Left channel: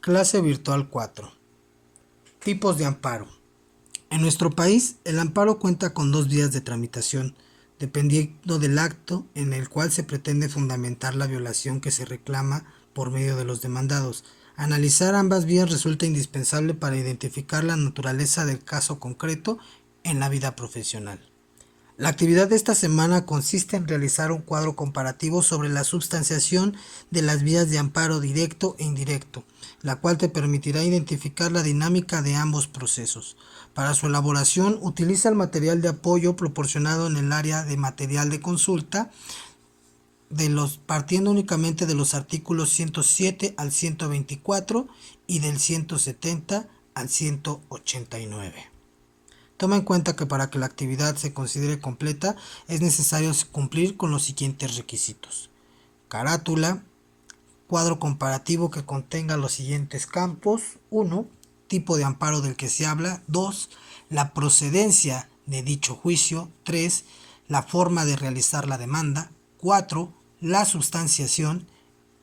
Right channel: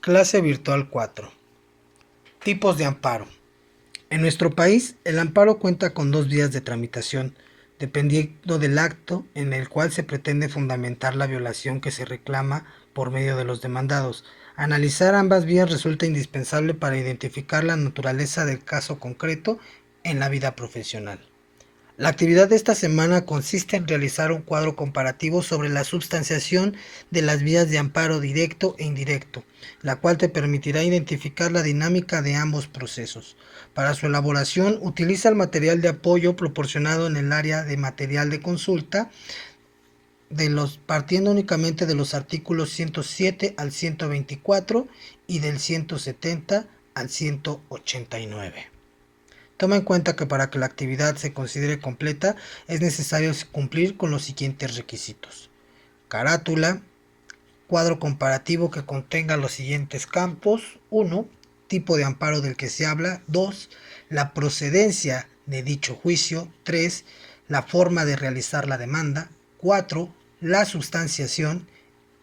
Clase virtual 4. Tipos de amparo. En nuestro país, el amparo cuenta con dos vías de tramitación, dependiendo del acto en el cual se pretende fundamentar la violación que se reclama por medio de los demandados. Analizar ambas vías resulta indispensable para identificar la naturaleza del caso concreto en la vida profesional. La actividad de esta semana consiste en realizar un cuadro comparativo sobre la substanciación de las vías de amparo directo e indirecto, la cual te permitirá identificar la dinámica de ambos procesos. Para su elaboración, utiliza el material de apoyo proporcionado en el área de material de consulta, partiendo únicamente de los artículos 107 al 124 y del 170 al 189. Toma en cuenta que para que la actividad se considere completa es necesario cumplir con los siguientes requisitos. Carátula, cuadro comparativo que contenga los siguientes campos. 1. Tipo de amparo del que se habla. 2. La procedencia de dicho juicio. 3. La forma de realizar la demanda. 4. La substanciación.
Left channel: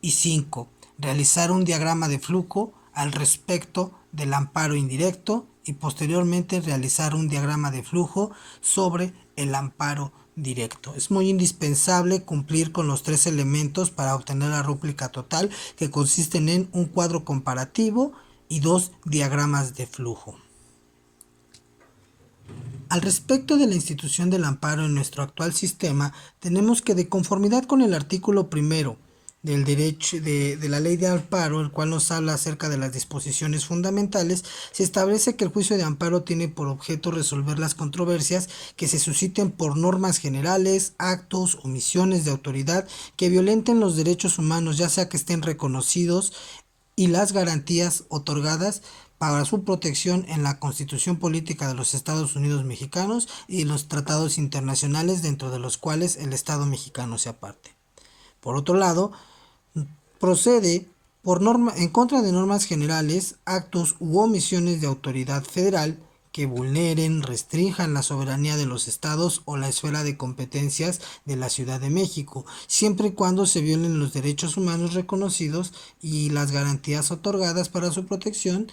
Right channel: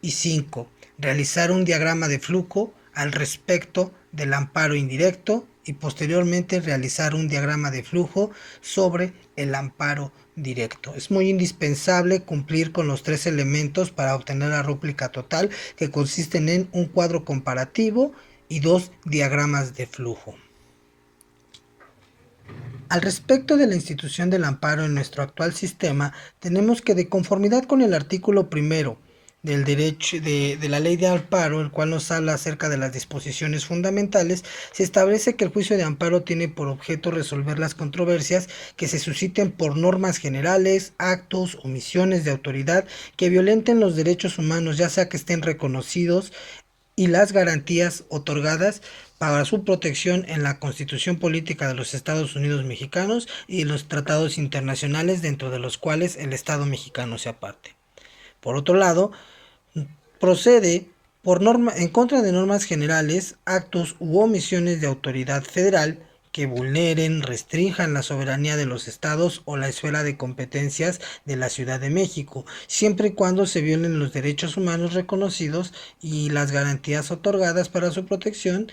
Y 5. Realizar un diagrama de flujo al respecto del amparo indirecto y posteriormente realizar un diagrama de flujo sobre el amparo directo. Es muy indispensable cumplir con los tres elementos para obtener la rúbrica total, que consisten en un cuadro comparativo y dos diagramas de flujo. Al respecto de la institución del amparo en nuestro actual sistema, tenemos que, de conformidad con el artículo primero del derecho de la ley de amparo, el cual nos habla acerca de las disposiciones fundamentales, se establece que el juicio de amparo tiene por objeto resolver las controversias que se susciten por normas generales, actos, omisiones de autoridad que violenten los derechos humanos, ya sea que estén reconocidos, y las garantías otorgadas para su protección en la Constitución Política de los Estados Unidos Mexicanos y los tratados internacionales, dentro de los cuales el Estado mexicano sea parte. Por otro lado, procede en contra de normas generales, actos u omisiones de autoridad federal que vulneren, restrinjan la soberanía de los estados o la esfera de competencias de la Ciudad de México, siempre y cuando se violen los derechos humanos reconocidos y las garantías otorgadas para su protección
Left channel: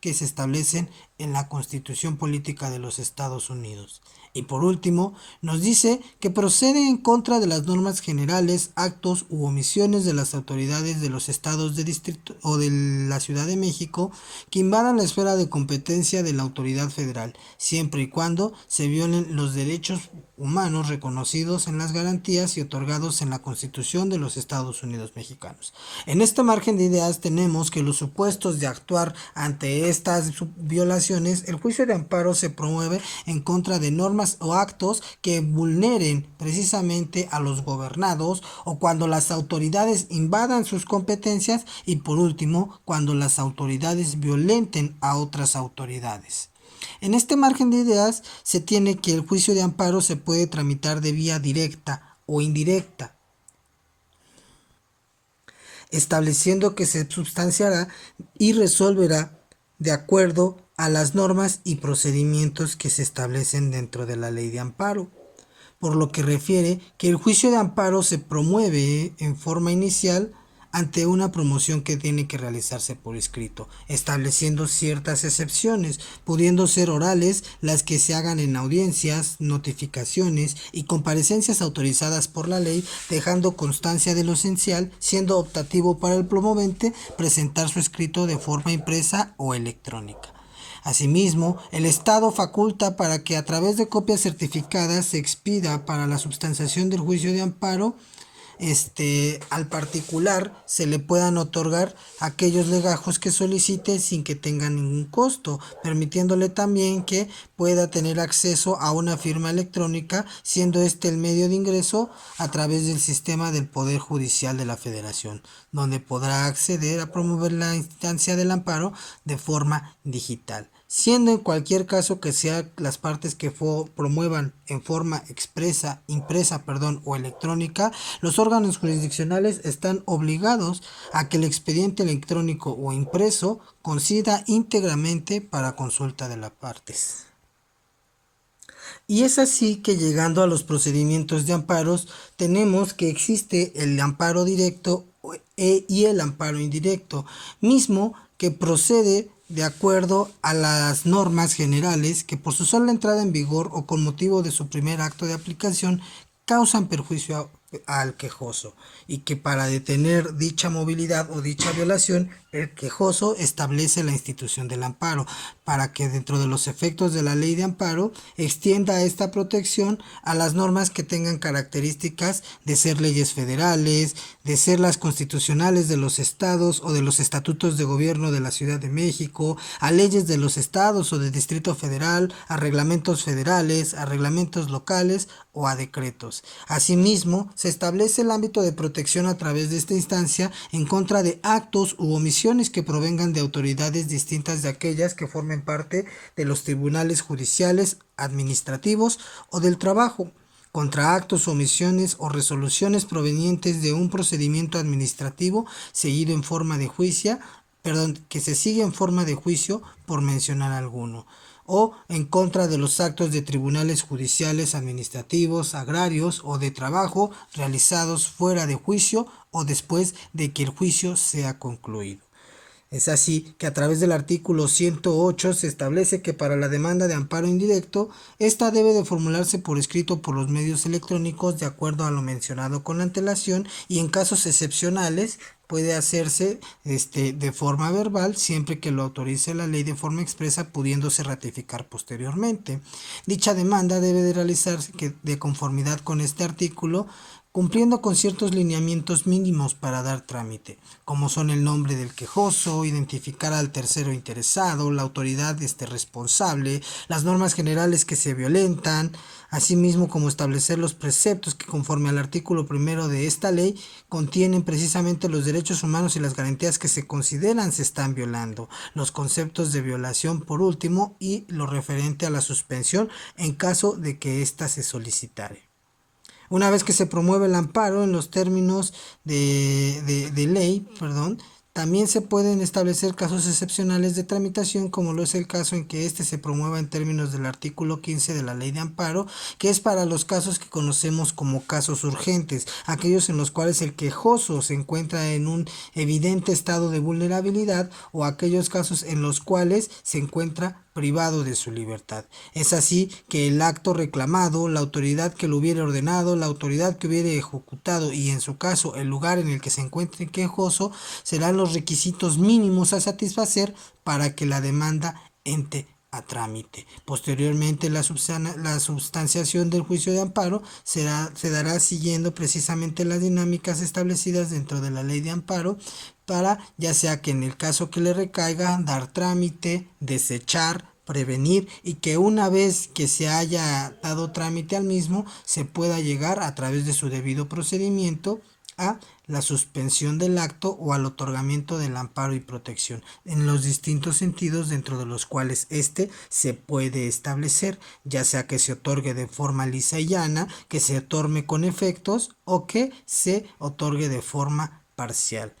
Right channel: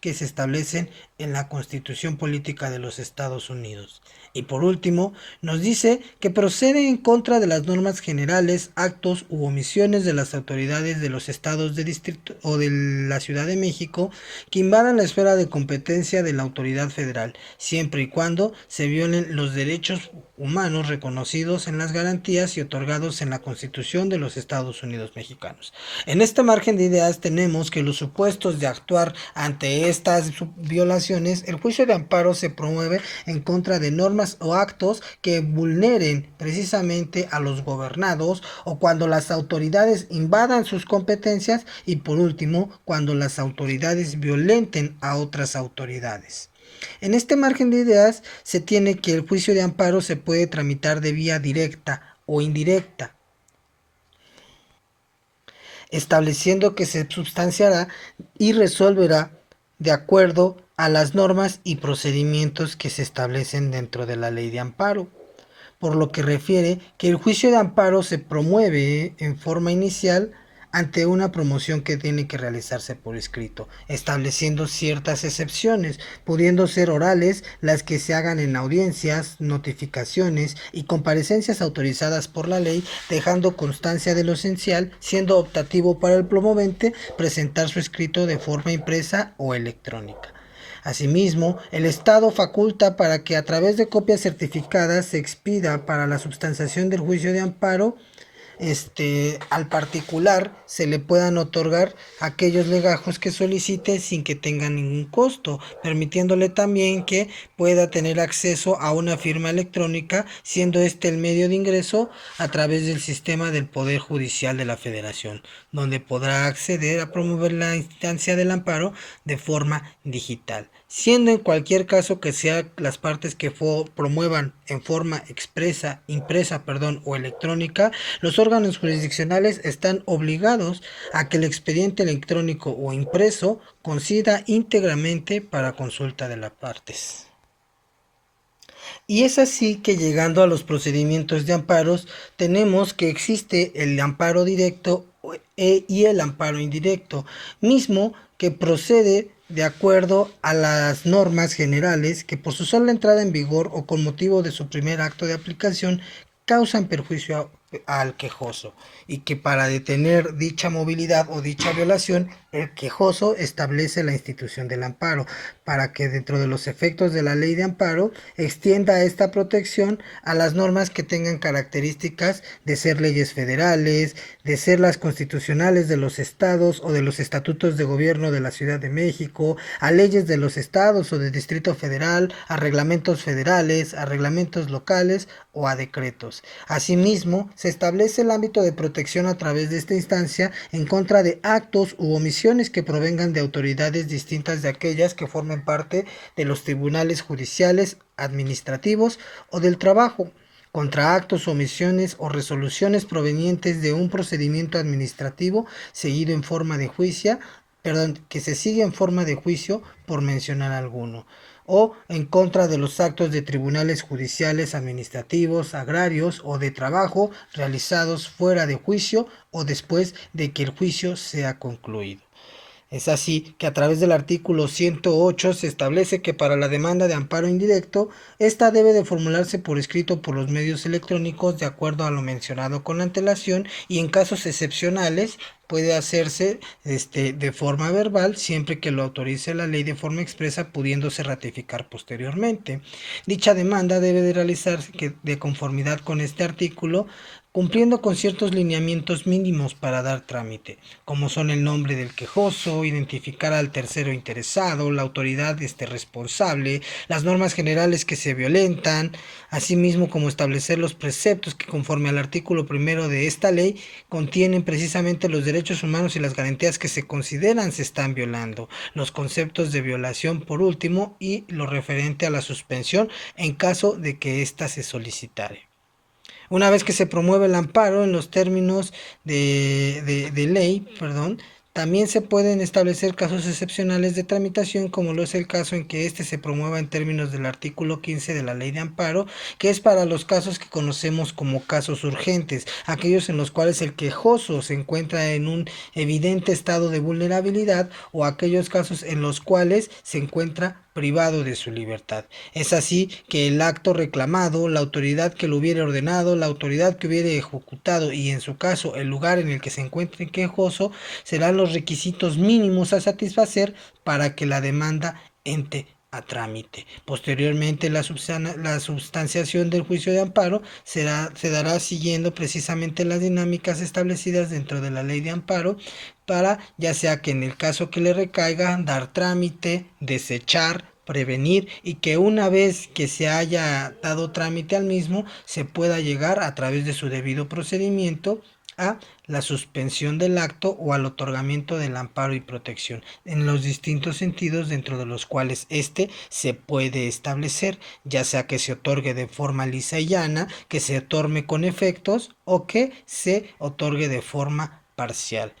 que se establecen en la Constitución Política de los Estados Unidos. Y por último, nos dice que procede en contra de las normas generales, actos u omisiones de las autoridades de los estados de distrito o de la Ciudad de México que invadan la esfera de competencia de la autoridad federal, siempre y cuando se violen los derechos humanos reconocidos en las garantías y otorgados en la Constitución de los Estados Unidos Mexicanos. En este margen de ideas tenemos que los supuestos de actuar ante estas violaciones, el juicio de amparo se promueve en contra de normas o actos que vulneren precisamente a los gobernados, o cuando las autoridades invadan sus competencias, y por último, cuando las autoridades violenten a otras autoridades. En este margen de ideas se tiene que el juicio de amparo se puede tramitar de vía directa o indirecta, estableciendo que se substanciará y resolverá de acuerdo a las normas y procedimientos que se establecen dentro de la ley de amparo, por lo que refiere que el juicio de amparo se promueve en forma inicial ante una promoción que tiene que realizarse por escrito, estableciendo ciertas excepciones, pudiendo ser orales las que se hagan en audiencias, notificaciones y comparecencias autorizadas por la ley, dejando constancia de lo esencial, siendo optativo para el promovente presentar su escrito de forma impresa o electrónica. Asimismo, el Estado faculta para que a través de copias certificadas se expida para la substanciación del juicio de amparo. Al particular se le puedan otorgar aquellos legajos que solicite sin que tenga ningún costo, permitiéndole también que pueda tener acceso a una firma electrónica, siendo este el medio de ingreso a través del sistema del Poder Judicial de la Federación, donde podrá acceder a promover la instancia del amparo de forma digital, siendo en cualquier caso que sean las partes que promuevan en forma impresa o electrónica, los órganos jurisdiccionales están obligados a que el expediente electrónico o impreso conceda íntegramente para consulta de las partes. Y es así que, llegando a los procedimientos de amparos, tenemos que existe el amparo directo y el amparo indirecto, mismo que procede de acuerdo a las normas generales que por su sola entrada en vigor o con motivo de su primer acto de aplicación causan perjuicio al quejoso, y que para detener dicha movilidad o dicha violación, el quejoso establece la institución del amparo, para que dentro de los efectos de la ley de amparo extienda esta protección a las normas que tengan características de ser leyes federales, de ser las constitucionales de los estados o de los estatutos de gobierno de la Ciudad de México, a leyes de los estados o del Distrito Federal, a reglamentos federales, a reglamentos locales o a decretos. Asimismo, se establece el ámbito de protección a través de esta instancia en contra de actos u omisiones que provengan de autoridades distintas de aquellas que formen parte de los tribunales judiciales, administrativos o del trabajo, contra actos, omisiones o resoluciones provenientes de un procedimiento administrativo seguido en forma de juicio, que se sigue en forma de juicio, por mencionar alguno, o en contra de los actos de tribunales judiciales, administrativos, agrarios o de trabajo realizados fuera de juicio o después de que el juicio sea concluido. Es así que a través del artículo 108 se establece que para la demanda de amparo indirecto, esta debe de formularse por escrito por los medios electrónicos de acuerdo a lo mencionado con antelación, y en casos excepcionales puede hacerse de forma verbal siempre que lo autorice la ley de forma expresa, pudiéndose ratificar posteriormente. Dicha demanda debe de realizarse de conformidad con este artículo, cumpliendo con ciertos lineamientos mínimos para dar trámite, como son el nombre del quejoso, identificar al tercero interesado, la autoridad responsable, las normas generales que se violentan, asimismo como establecer los preceptos que conforme al artículo primero de esta ley contienen precisamente los derechos humanos y las garantías que se consideran se están violando, los conceptos de violación por último y lo referente a la suspensión en caso de que ésta se solicitare. Una vez que se promueve el amparo en los términos de ley, también se pueden establecer casos excepcionales de tramitación, como lo es el caso en que se promueva en términos del artículo 15 de la ley de amparo, que es para los casos que conocemos como casos urgentes, aquellos en los cuales el quejoso se encuentra en un evidente estado de vulnerabilidad, o aquellos casos en los cuales se encuentra privado de su libertad. Es así que el acto reclamado, la autoridad que lo hubiere ordenado, la autoridad que hubiere ejecutado y en su caso el lugar en el que se encuentre quejoso serán los requisitos mínimos a satisfacer para que la demanda entre a trámite. Posteriormente la substanciación del juicio de amparo se dará siguiendo precisamente las dinámicas establecidas dentro de la ley de amparo, para ya sea que en el caso que le recaiga dar trámite, desechar, prevenir, y que una vez que se haya dado trámite al mismo se pueda llegar a través de su debido procedimiento a la suspensión del acto o al otorgamiento del amparo y protección en los distintos sentidos dentro de los cuales se puede establecer, ya sea que se otorgue de forma lisa y llana, que se otorgue con efectos o que se otorgue de forma parcial.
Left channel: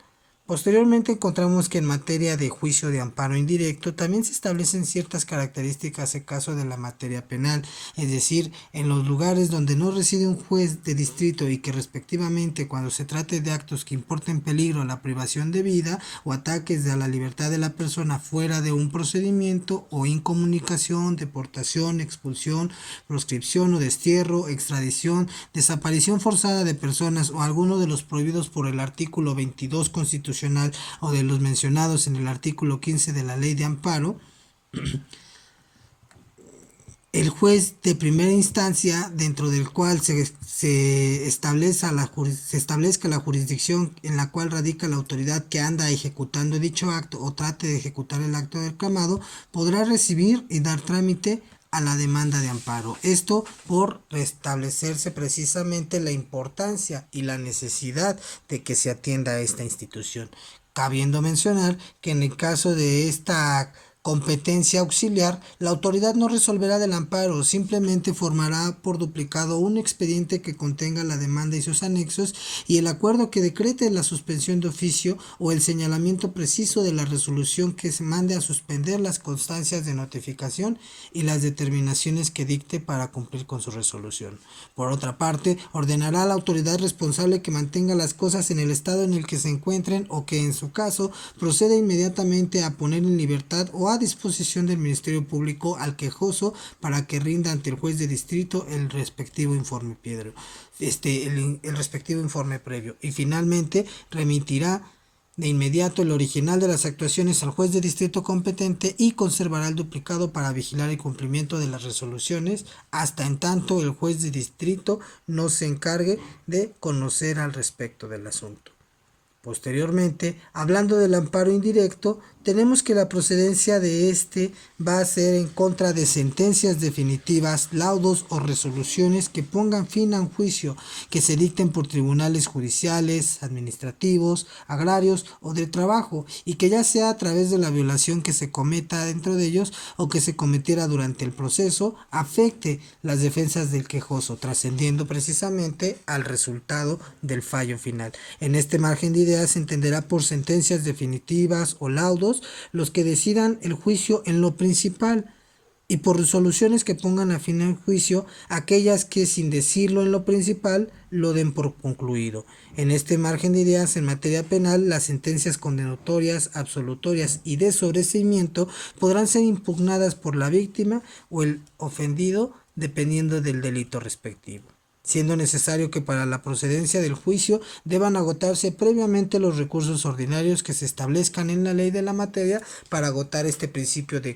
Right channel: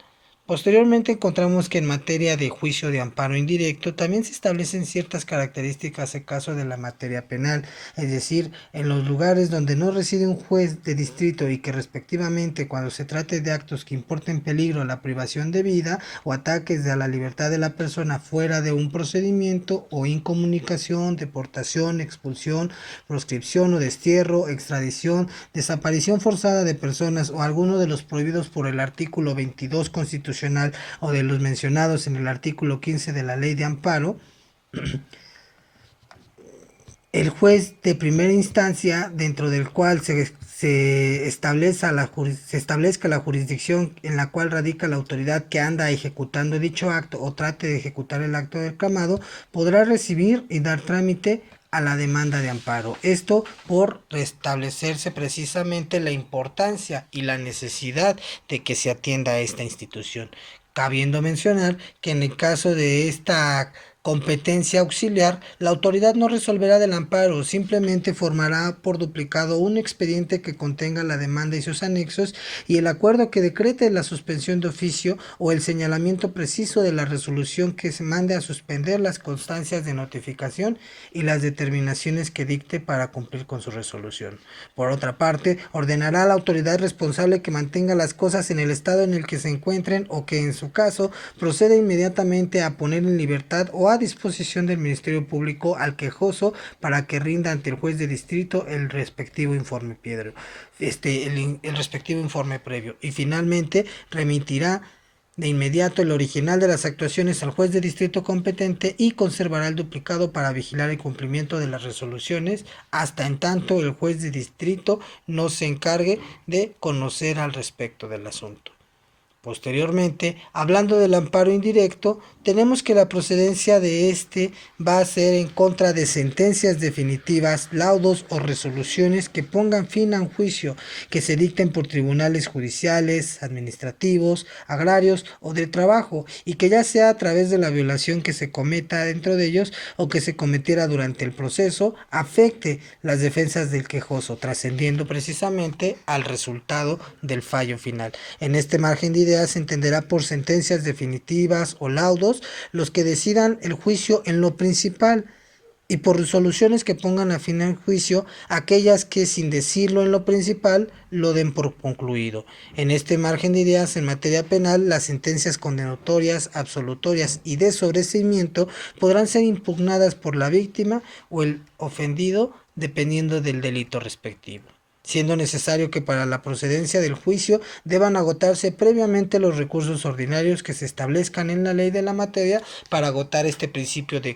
Posteriormente encontramos que en materia de juicio de amparo indirecto también se establecen ciertas características en caso de la materia penal, es decir, en los lugares donde no reside un juez de distrito y que respectivamente cuando se trate de actos que importen peligro a la privación de vida o ataques a la libertad de la persona fuera de un procedimiento o incomunicación, deportación, expulsión, proscripción o destierro, extradición, desaparición forzada de personas o alguno de los prohibidos por el artículo 22 constitucional o de los mencionados en el artículo 15 de la ley de amparo, el juez de primera instancia, dentro del cual se establezca la jurisdicción en la cual radica la autoridad que anda ejecutando dicho acto o trate de ejecutar el acto reclamado, podrá recibir y dar trámite a la demanda de amparo. Esto por restablecerse precisamente la importancia y la necesidad de que se atienda a esta institución, cabiendo mencionar que en el caso de esta competencia auxiliar, la autoridad no resolverá del amparo, simplemente formará por duplicado un expediente que contenga la demanda y sus anexos y el acuerdo que decrete la suspensión de oficio o el señalamiento preciso de la resolución que se mande a suspender las constancias de notificación y las determinaciones que dicte para cumplir con su resolución. Por otra parte, ordenará a la autoridad responsable que mantenga las cosas en el estado en el que se encuentren o que en su caso proceda inmediatamente a poner en libertad o a disposición del Ministerio Público al quejoso para que rinda ante el juez de distrito el respectivo informe el respectivo informe previo, y finalmente remitirá de inmediato el original de las actuaciones al juez de distrito competente y conservará el duplicado para vigilar el cumplimiento de las resoluciones hasta en tanto el juez de distrito no se encargue de conocer al respecto del asunto. Posteriormente, hablando del amparo indirecto, tenemos que la procedencia de este va a ser en contra de sentencias definitivas, laudos o resoluciones que pongan fin a un juicio que se dicten por tribunales judiciales, administrativos, agrarios o de trabajo, y que ya sea a través de la violación que se cometa dentro de ellos o que se cometiera durante el proceso, afecte las defensas del quejoso, trascendiendo precisamente al resultado del fallo final. En este margen de ideas se entenderá por sentencias definitivas o laudos los que decidan el juicio en lo principal, y por resoluciones que pongan a fin al juicio aquellas que, sin decirlo en lo principal, lo den por concluido. En este margen de ideas, en materia penal, las sentencias condenatorias, absolutorias y de sobreseimiento podrán ser impugnadas por la víctima o el ofendido dependiendo del delito respectivo, siendo necesario que para la procedencia del juicio deban agotarse previamente los recursos ordinarios que se establezcan en la ley de la materia para agotar este principio de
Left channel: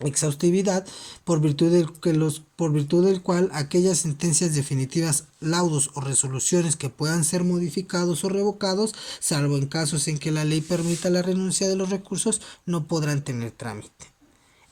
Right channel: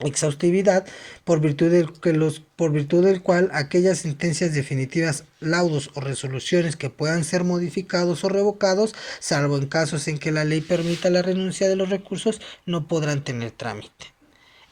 exhaustividad, por virtud del cual aquellas sentencias definitivas, laudos o resoluciones que puedan ser modificados o revocados, salvo en casos en que la ley permita la renuncia de los recursos, no podrán tener trámite.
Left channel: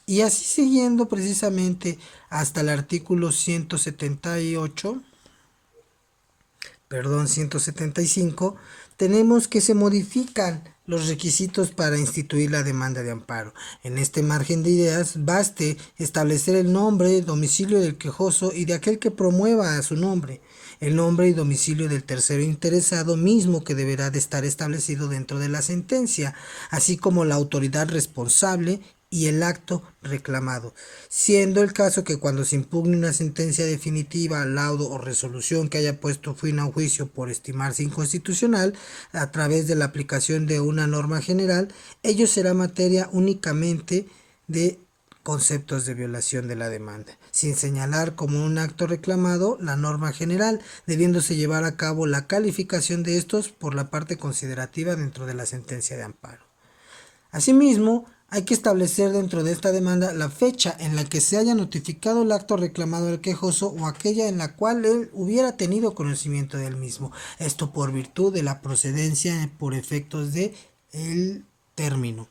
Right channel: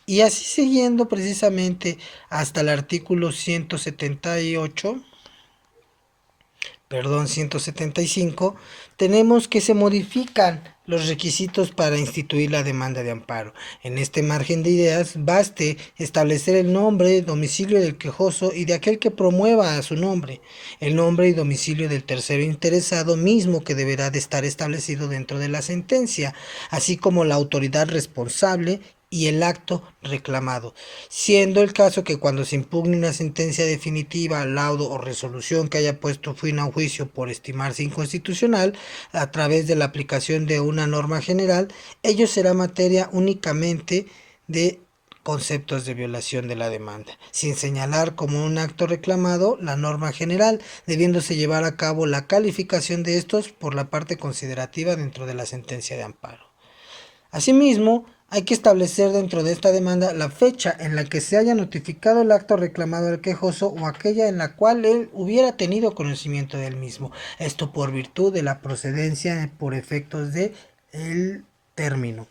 Y así siguiendo precisamente hasta el artículo 175, tenemos que se modifican los requisitos para instituir la demanda de amparo. En este margen de ideas, baste establecer el nombre, domicilio del quejoso y de aquel que promueva a su nombre, el nombre y domicilio del tercero interesado mismo que deberá de estar establecido dentro de la sentencia, así como la autoridad responsable y el acto reclamado, siendo el caso que cuando se impugne una sentencia definitiva, laudo o resolución que haya puesto fin a un juicio por estimarse inconstitucional a través de la aplicación de una norma general, ello será materia únicamente de conceptos de violación de la demanda, sin señalar como un acto reclamado la norma general, debiéndose llevar a cabo la calificación de estos por la parte considerativa dentro de la sentencia de amparo. Asimismo, hay que establecer dentro de esta demanda la fecha en la que se haya notificado el acto reclamado al quejoso o aquella en la cual él hubiera tenido conocimiento del mismo. Esto por virtud de la procedencia por efectos de el término,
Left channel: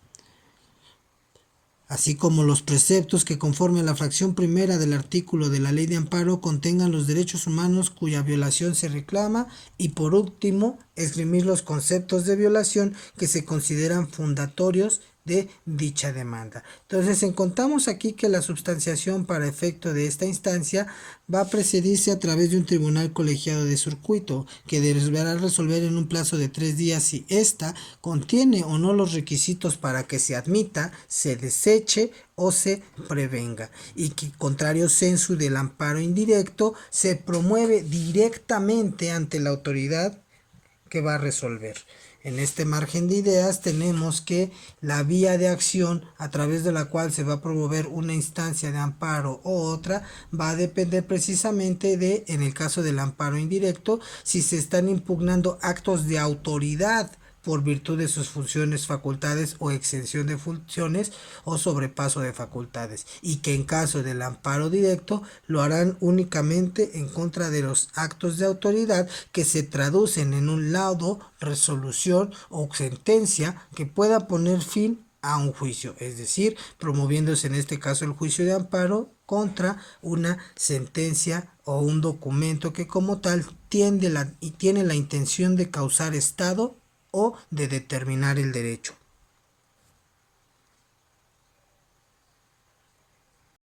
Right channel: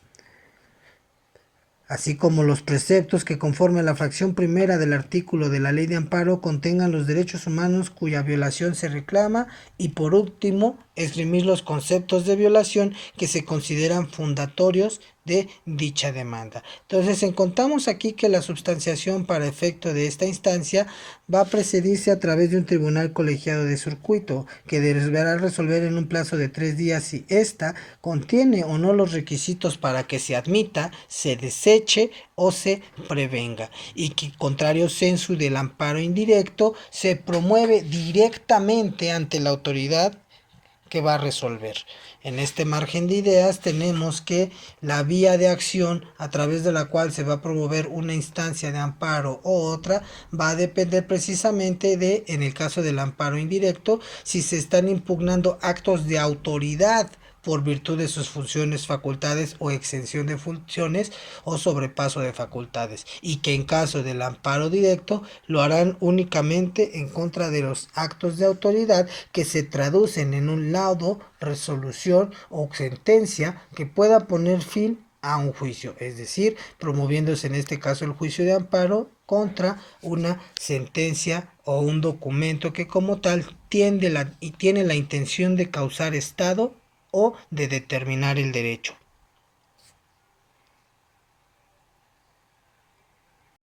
así como los preceptos que conforme a la fracción primera del artículo de la ley de amparo contengan los derechos humanos cuya violación se reclama, y por último esgrimir los conceptos de violación que se consideran fundatorios de dicha demanda. Entonces encontramos aquí que la substanciación para efecto de esta instancia va a precedirse a través de un tribunal colegiado de circuito que deberá resolver en un plazo de 3 días si ésta contiene o no los requisitos para que se admita, se deseche o se prevenga, y que contrario sensu del amparo indirecto se promueve directamente ante la autoridad que va a resolver. En este margen de ideas tenemos que la vía de acción a través de la cual se va a promover una instancia de amparo o otra va a depender precisamente de, en el caso del amparo indirecto, si se están impugnando actos de autoridad por virtud de sus funciones, facultades o exención de funciones o sobrepaso de facultades, y que en caso del amparo directo lo harán únicamente en contra de los actos de autoridad que se traducen en un laudo, resolución o sentencia que pueda poner fin a un juicio, es decir, promoviéndose en este caso el juicio de amparo contra una sentencia o un documento que como tal tiene la intención de causar estado o de determinar el derecho.